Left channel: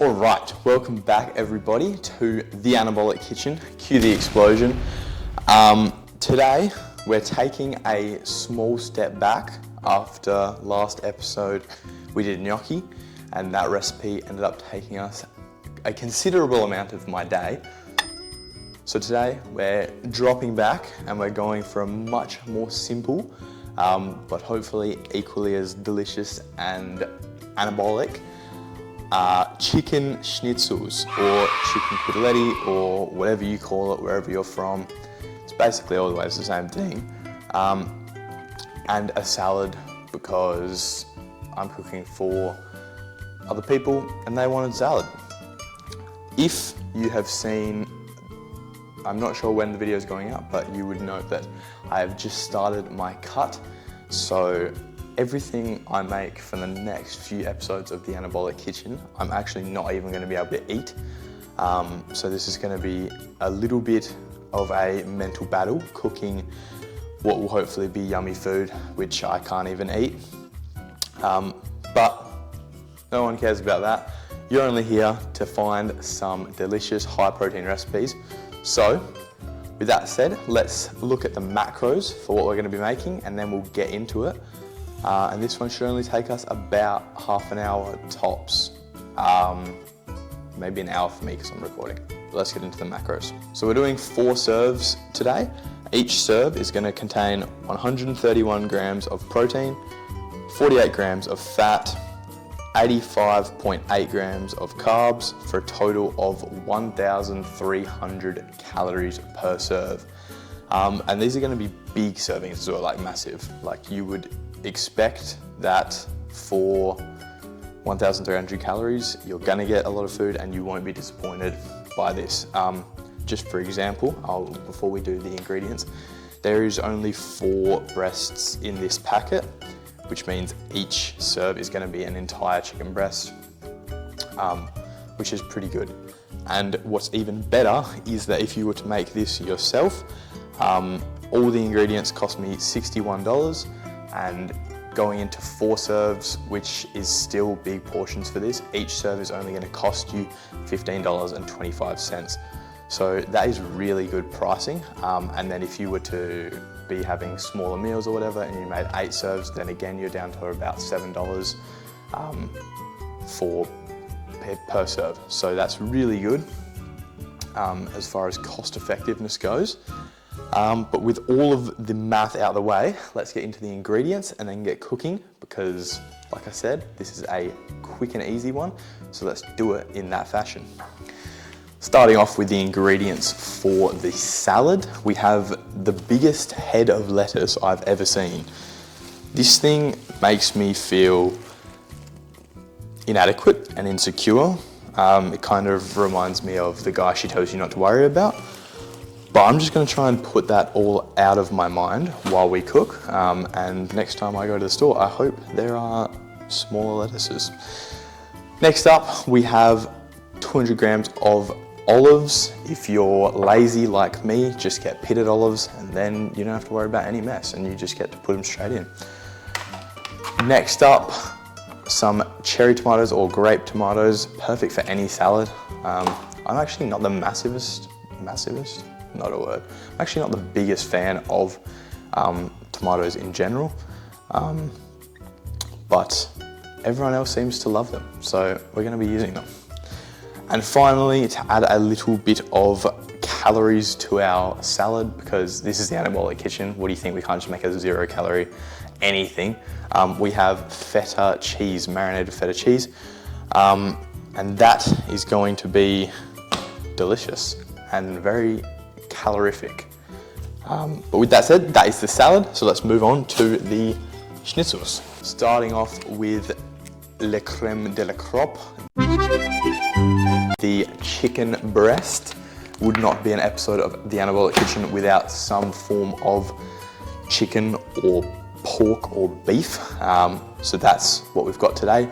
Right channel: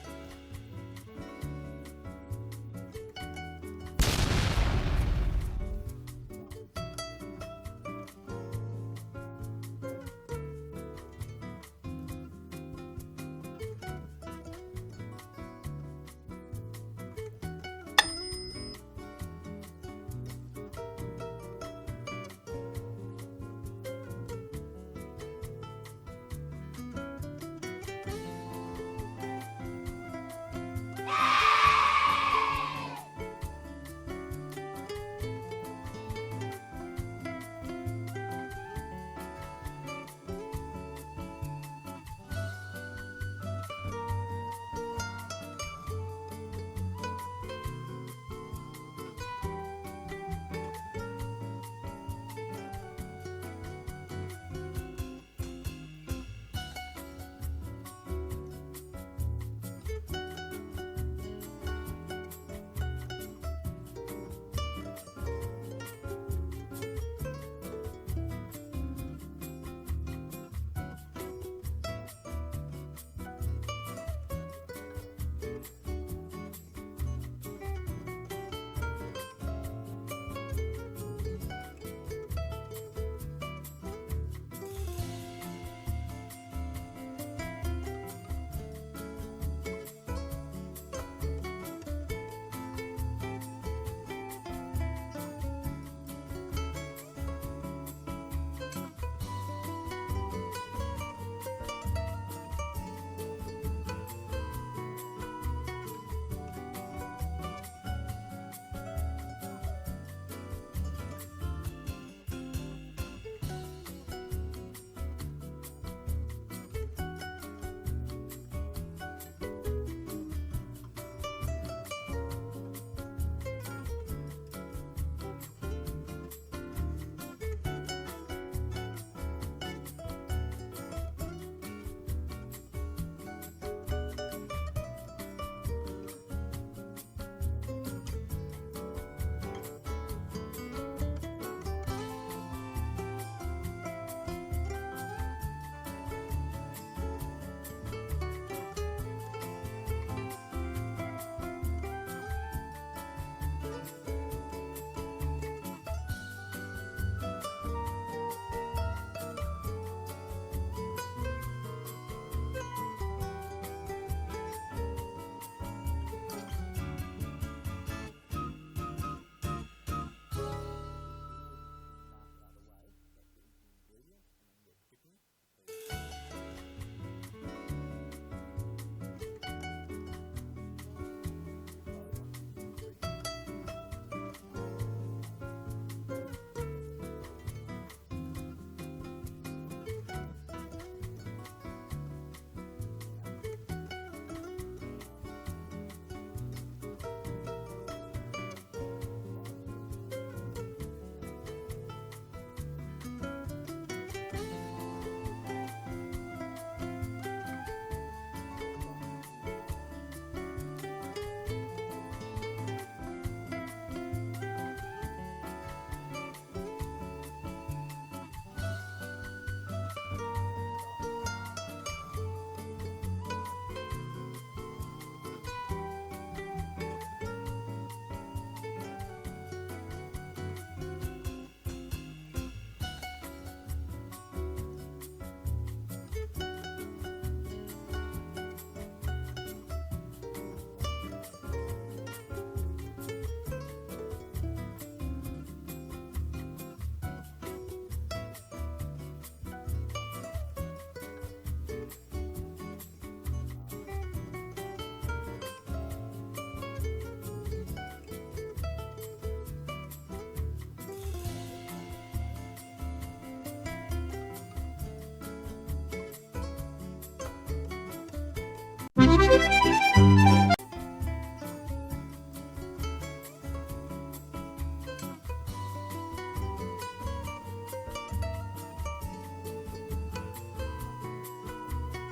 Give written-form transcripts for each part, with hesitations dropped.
Alright, welcome back everybody to the Anabolic Kitchen. Cue the explosion. Today we're taking a small step back after last episode we did gnocchi, and that recipe ended up taking us a considerable amount of my day. So today we're dropping back and we're going for a much more simple but hopefully equally as delicious and anabolic chicken schnitzels or chicken cuteletti or whatever you call it wherever you're from. It's basically always the same thing. And a salad because I'm cooking for other people and they wanted salad. If you have seen, I'm not sure when the video is going up, but you would know that I have just started my cut. So everything I make for the next few episodes of the Anabolic Kitchen, I'm actually not even going to be able to eat. So this is going to be a little bit of a mental battle, cooking what will hopefully be yummy food, which I can't even eat. But no one cares about that. You're only here to find some delicious high protein recipes. So with that said, let's look at the macros for what we're going to be making and then we'll get into it. And this one should only take us about half an hour tops. Maybe an hour for me because I'm recording. But let's get into the macros. So we're doing 4 serves today. Each serve is going to contain 131 grams of protein, 48 grams of fat, 85.8 grams of carbs for a total of 1,300 calories per serve. And these are going to be big servings as well, like massive. Like you would expect that for 1,300 calories, you're going to get a lot of food and you won't be disappointed by this. Just for example, before we do the ingredients, there is only 4 breasts in this packet, which means each serve is going to be an entire chicken breast, which is pretty good. And what's even better is that if you were to make this yourself, all the ingredients cost me $61, and going into 4 serves, which is still big portions for this, each serve is only going to cost you $15.25. So that is really good pricing. And then if you were to be having smaller meals or whatever and you made 8 serves, then again you're down to about $7 per serve. So that's really good as far as cost effectiveness goes. But with all of the math out of the way, let's get into the ingredients and then get cooking because, like I said, this is a quick and easy one. So let's do it in that fashion. Starting off with the ingredients for the salad, we have the biggest head of lettuce I've ever seen. This thing makes me feel inadequate and insecure. It kind of reminds me of the guy she tells you not to worry about. But I'm just going to try and put that all out of my mind while we cook. And next time I go to the store, I hope there are smaller lettuces. Next up, we have 200 grams of olives. If you're lazy like me, just get pitted olives and then you don't have to worry about any mess and you just get to put them straight in. Next up, some cherry tomatoes or grape tomatoes, perfect for any salad. I'm actually not the massivest, not a word. I'm actually not the biggest fan of tomatoes in general, but everyone else seems to love them, so we're going to be using them. And finally, to add a little bit of calories to our salad, because this is the Anabolic Kitchen, what do you think? We can't just make a 0 calorie anything. We have feta cheese, marinated feta cheese, and that is going to be delicious and very calorific. But with that said, that is the salad, so let's move on to the schnitzels. Starting off with le crème de la crop. The chicken breast. Would not be an episode of the Anabolic Kitchen without some form of chicken or pork or beef. So that's what we've got today,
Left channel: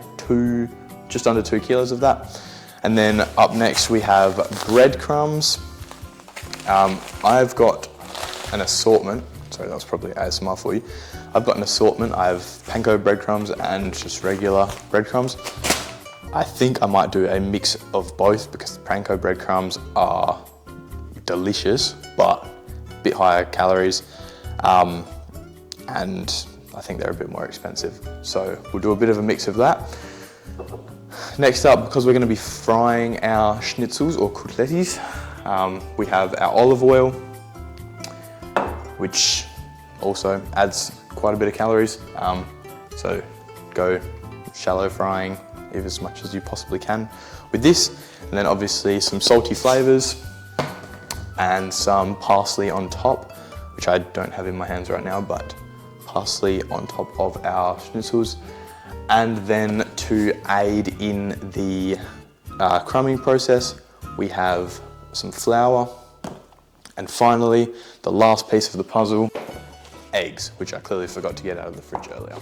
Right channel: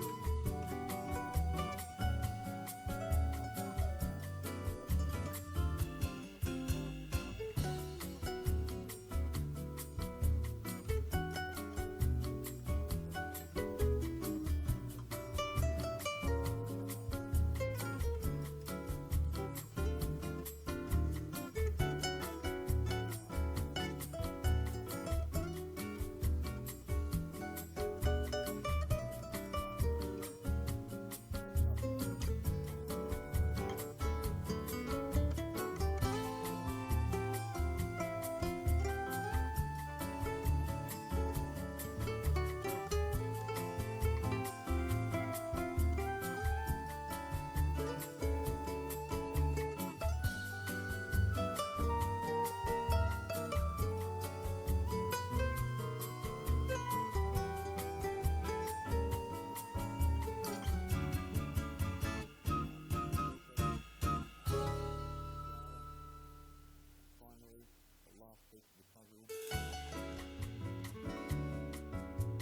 just under 2 kilos of that. And then up next we have breadcrumbs. I've got an assortment, sorry that was probably ASMR for you. I've got an assortment. I have panko breadcrumbs and just regular breadcrumbs. I think I might do a mix of both because the panko breadcrumbs are delicious, but a bit higher calories. And I think they're a bit more expensive. So we'll do a bit of a mix of that. Next up, because we're going to be frying our schnitzels or cotelettes, we have our olive oil, which also adds quite a bit of calories. So go shallow frying as much as you possibly can with this. And then obviously some salty flavors and some parsley on top, which I don't have in my hands right now, but parsley on top of our schnitzels. And then to aid in the crumbing process, we have some flour. And finally, the last piece of the puzzle, eggs, which I clearly forgot to get out of the fridge earlier.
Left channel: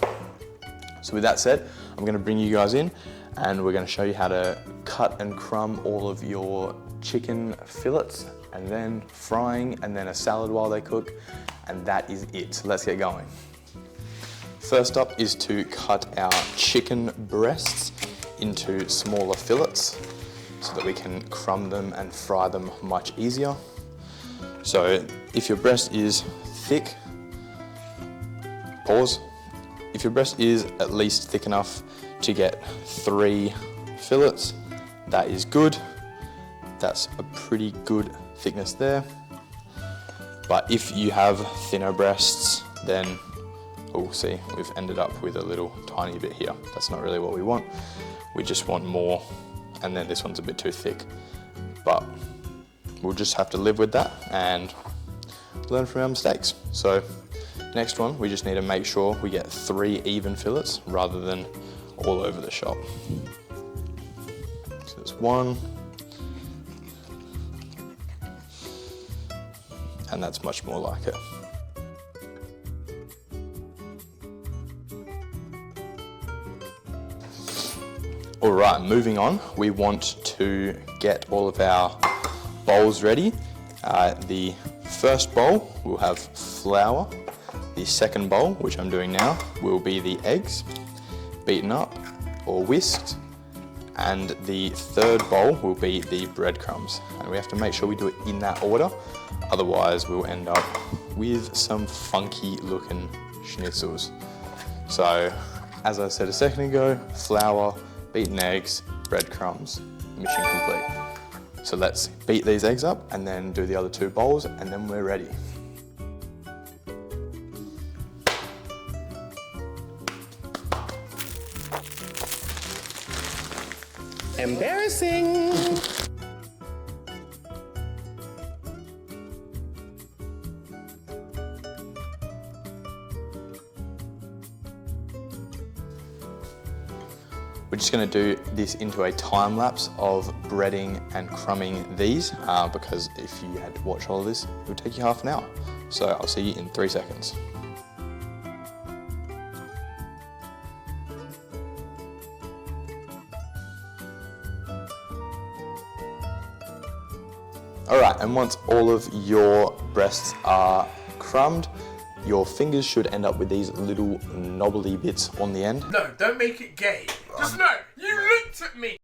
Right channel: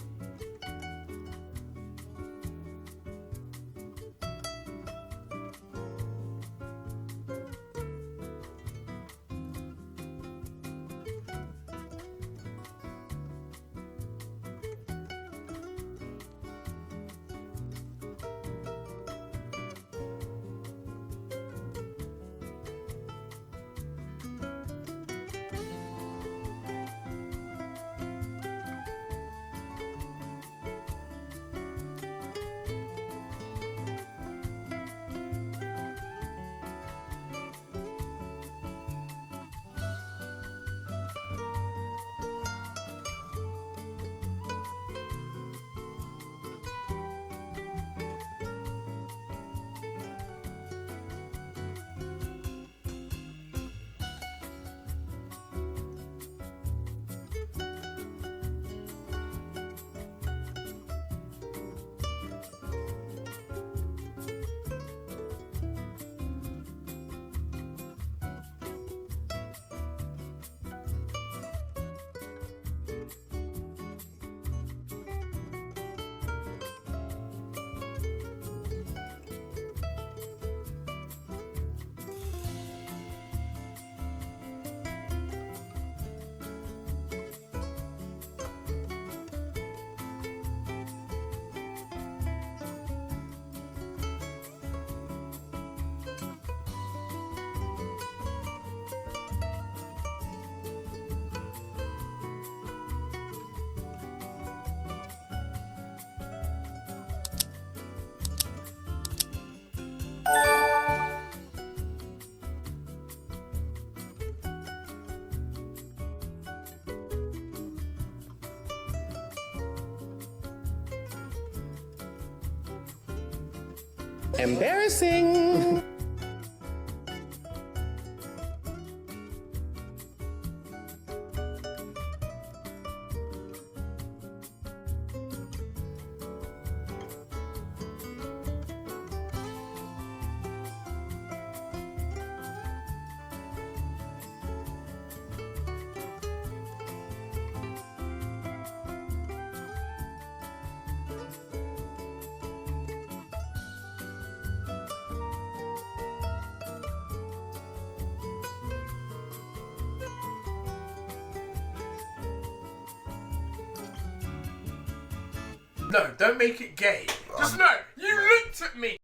So with that said, I'm gonna bring you guys in and we're gonna show you how to cut and crumb all of your chicken fillets, and then frying, and then a salad while they cook, and that is it. So let's get going. First up is to cut our chicken breasts into smaller fillets so that we can crumb them and fry them much easier. So if your breast is thick, pause. If your breast is at least thick enough to get 3 fillets, that is good. That's a pretty good thickness there. But if you have thinner breasts, then we'll see, we've ended up with a little tiny bit here. That's not really what we want. We just want more, and then this one's a bit too thick. But we'll just have to live with that and learn from our mistakes. So next one, we just need to make sure we get 3 even fillets rather than all over the shop. So there's 1. And that's much more like it. All right, moving on, we want to get all of our bowls ready. The first bowl will have flour. The second bowl, which I'm doing now, will be the eggs, beaten up or whisked. And the third bowl will be the breadcrumbs. And we have to make sure we do it in that order, otherwise we'll end up with some funky looking schnitzels. So, as I said a second ago, flour, beaten eggs, breadcrumbs, mission complete. So let's beat these eggs up and then do the other 2 bowls, and then we're ready. Embarrassing! We're just going to do this into a time lapse of breading and crumbing these because if you had to watch all of this, it would take you half an hour. So I'll see you in 3 seconds. Alright, and once all of your breasts are crumbed, your fingers should end up with these little knobbly bits on the end. No, don't make it gay. Just no, you looked at me!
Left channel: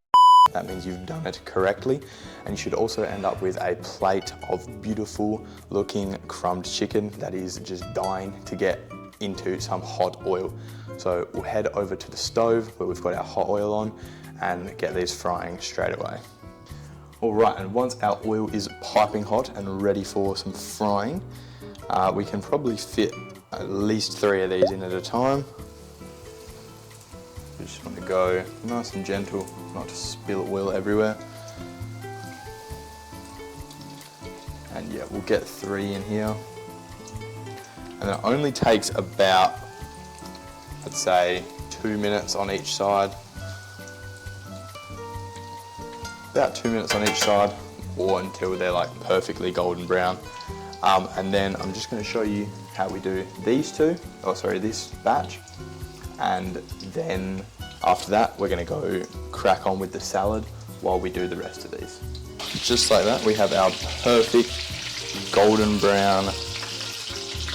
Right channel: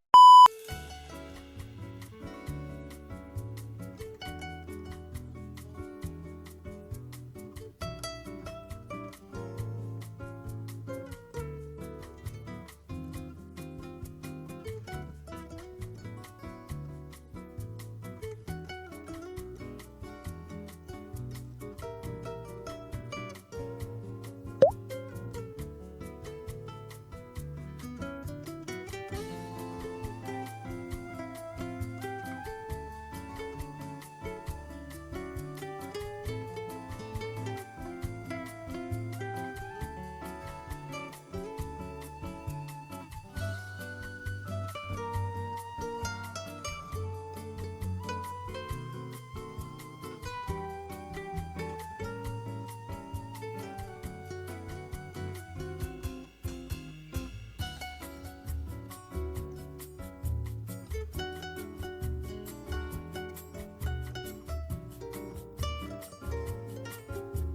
That means you've done it correctly. And you should also end up with a plate of beautiful looking crumbed chicken that is just dying to get into some hot oil. So we'll head over to the stove where we've got our hot oil on and get these frying straight away. All right, and once our oil is piping hot and ready for some frying, we can probably fit at least 3 of these in at a time. Just want to go nice and gentle, not to spill oil everywhere. And yeah, we'll get 3 in here. And it only takes about, let's say, 2 minutes on each side. About 2 minutes on each side, or until they're like perfectly golden brown. And then I'm just going to show you how we do these 2, this batch. And then after that, we're going to go crack on with the salad while we do the rest of these. Just like that, we have our perfect golden brown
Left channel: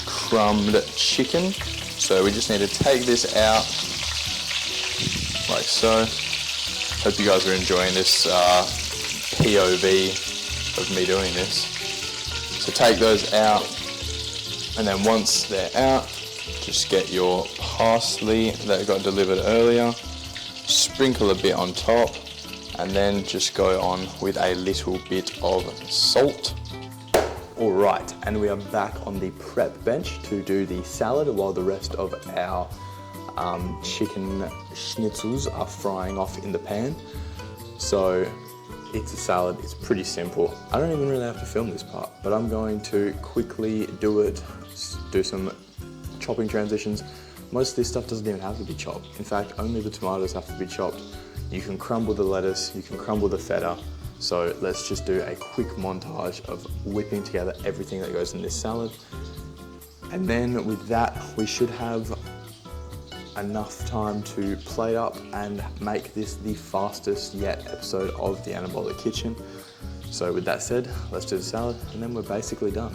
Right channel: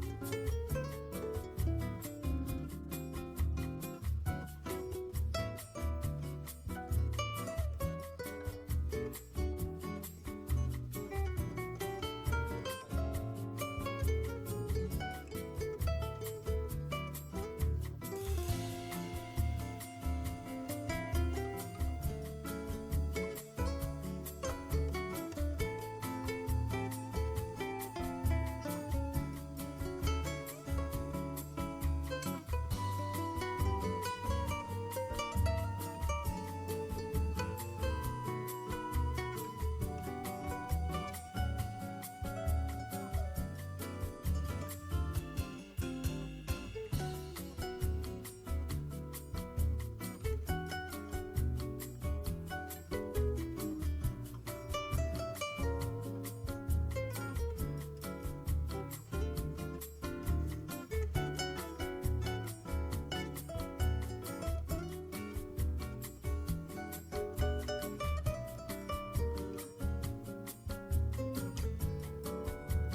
crumbed chicken. So we just need to take this out like so. Hope you guys are enjoying this POV of me doing this. So take those out, and then once they're out, just get your parsley that got delivered earlier, sprinkle a bit on top, and then just go on with a little bit of salt. All right, and we are back on the prep bench to do the salad while the rest of our chicken schnitzels are frying off in the pan. So it's a salad, it's pretty simple. I don't even really have to film this part, but I'm going to quickly do it, do some chopping transitions. Most of this stuff doesn't even have to be chopped. In fact, only the tomatoes have to be chopped. You can crumble the lettuce, you can crumble the feta. So let's just do a quick montage of whipping together everything that goes in this salad. And then with that, we should have enough time to plate up and make this the fastest yet episode of the Anabolic Kitchen. So with that said, let's do the salad and then we're basically done.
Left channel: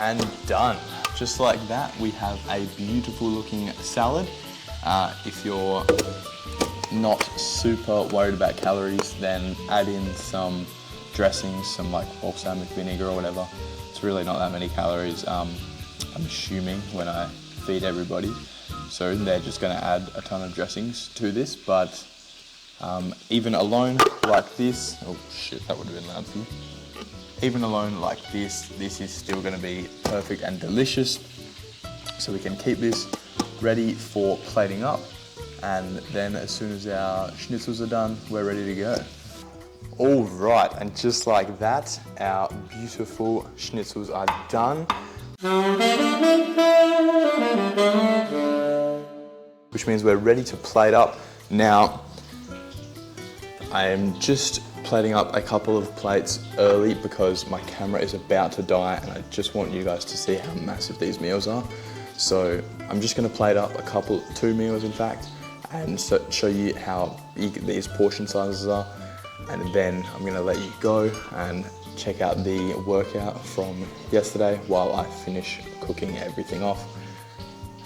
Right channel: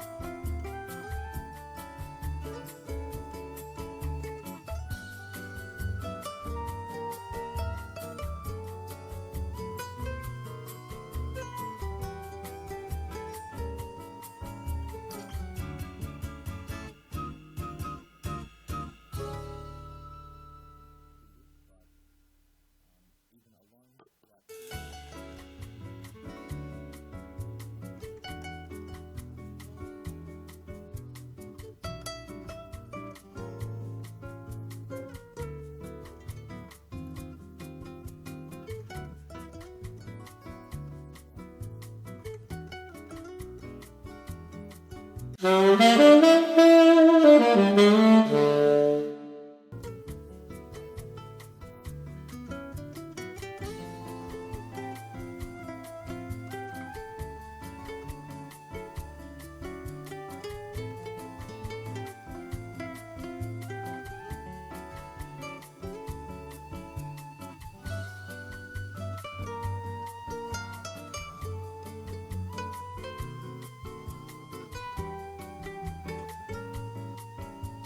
And done. Just like that, we have a beautiful looking salad. If you're not super worried about calories, then add in some dressings, some like balsamic vinegar or whatever. It's really not that many calories, I'm assuming, when I feed everybody. So they're just gonna add a ton of dressings to this, but even alone like this, oh shit, that would have been loud for you. Even alone like this is still gonna be perfect and delicious. So we can keep this ready for plating up. And then as soon as our schnitzels are done, we're ready to go. All right, and just like that, our beautiful schnitzels are done. Which means we're ready to plate up. Now, I am just plating up a couple of plates early because my camera is about to die and I just want you guys to see how massive these meals are. So I'm just gonna plate up two meals in fact, and show you how big these portion sizes are. And then I'm gonna let you go and check out the workout from yesterday while I finish cooking everything off.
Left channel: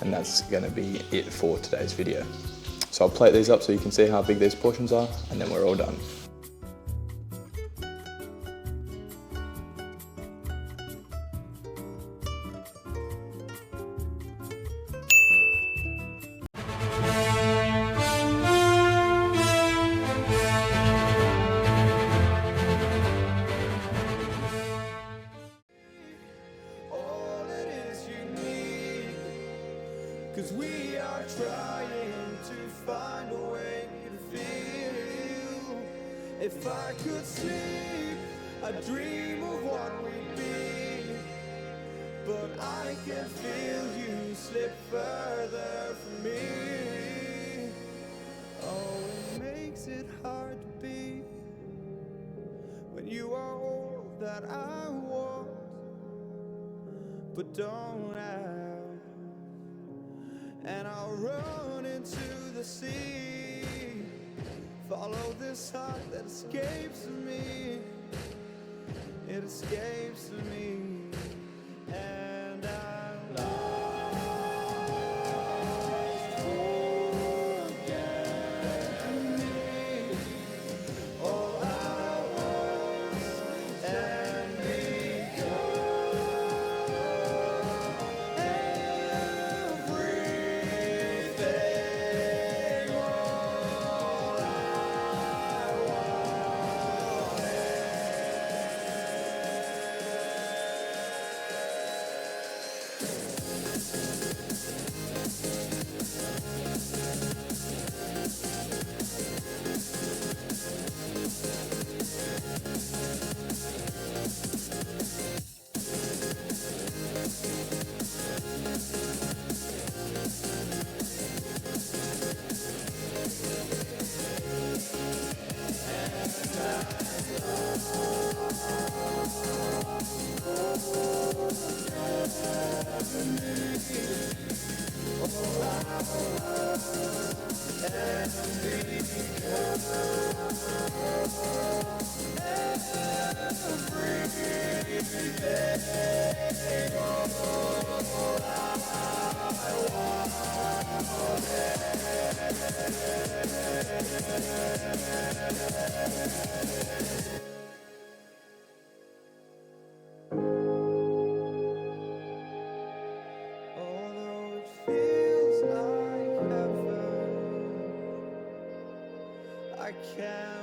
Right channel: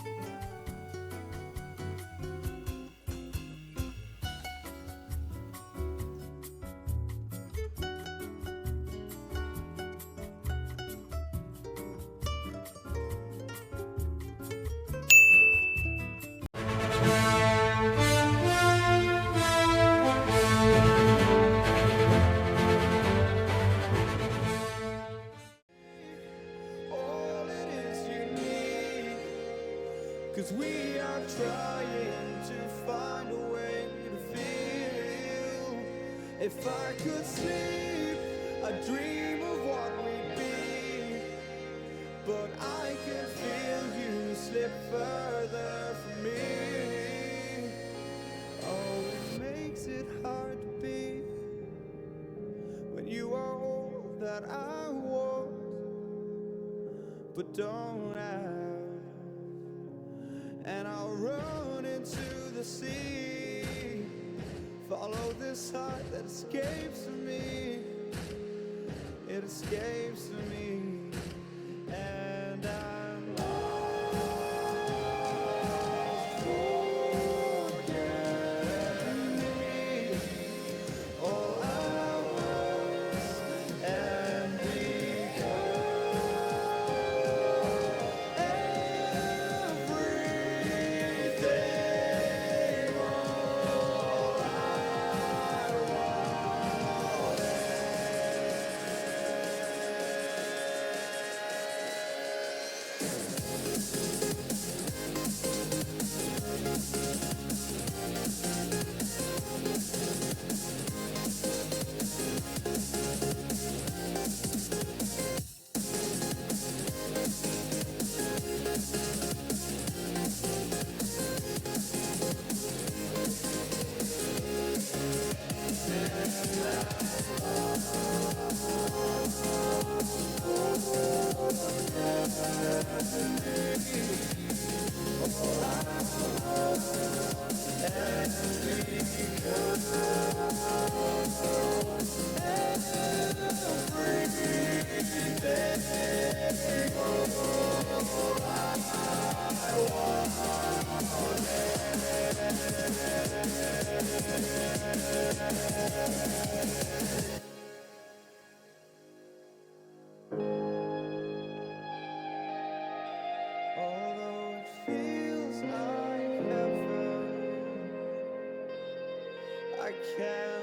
And that's gonna be it for today's video. So I'll plate these up so you can see how big these portions are, and then we're all done. Cause we are trying to find a way to feel. If I could sleep, I'd dream of what we'd be. But I can feel you slip further from me. Oh, it makes it hard to be when you are all that I want, but don't have. And I'll run into the sea, follow this heart that escapes me. It escapes me, and I'm lost. Forget me, all I was, and become everything. All I wanted. can.